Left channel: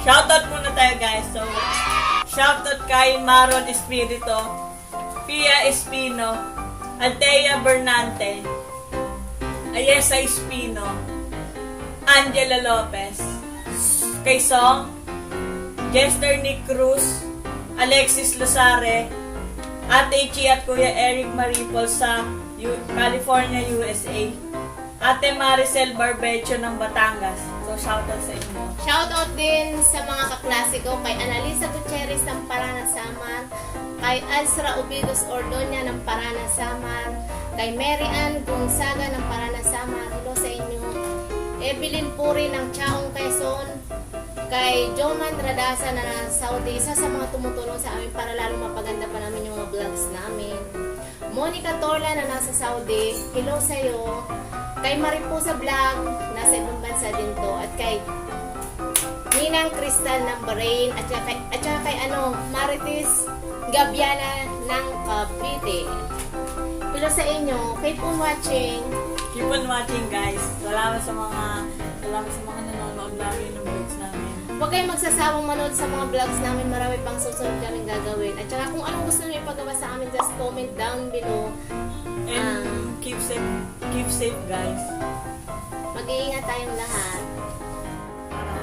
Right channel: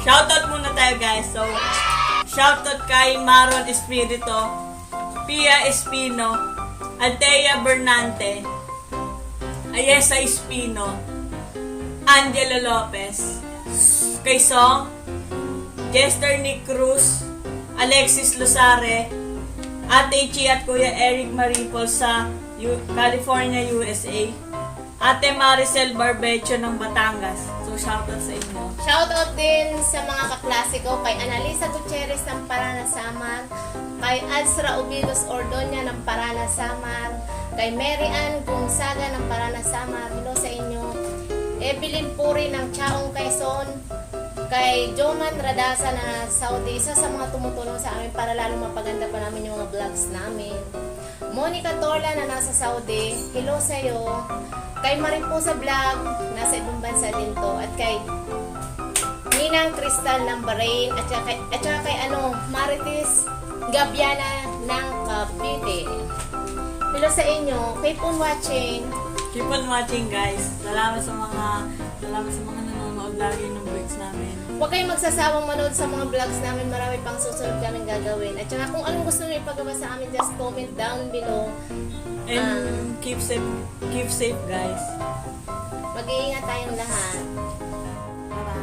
Shoutout muna tayo guys. So, shoutout kay Maron Espirito, Pia Espino, Altea Bernante, Ayesa Espino, Angela Lopez, kay Song, Jester Nick Cruz, Alexis Losare, Ate Chi at Kuya Eric Maripol sa California, USA, Ate Maricel Barbecho ng Batangas. So, shoutout sa inyo. Shoutout din sa mga kaklase ko, kay Analisa Gutierrez ng Paranasamar, kay Azra Ubidos Ordonia ng Paranasamar, kay Mary Ann Gonzaga ng Paranasamar, hello sa inyo. Evelyn Puri ng Chaong Quezon, kay Joman Radasa na Saudi, isa sa mga tumutulong sa amin para lalong mapaganda pa namin yung mga vlogs namin. Monica Torla na nasa Saudi, hello sa iyo. Kay Mariposa Vlog, nasa ibang bansa din to. At kay Ninang Crystal ng Bahrain. At saka kay Marites Gabiana ng Cavite. Hello sa inyo. Keep on watching. Keep on watching guys. Salamat sa mga nanonood lagi ng vlogs namin. Huwag kayong magsasawang manood sa mga vlogs namin. Marami pang susunod kaming gagawin. At saka kung anong gusto nyo ipagawa sa amin, just comment down below. And keep safe guys. Mag-iingat tayong lahat. Para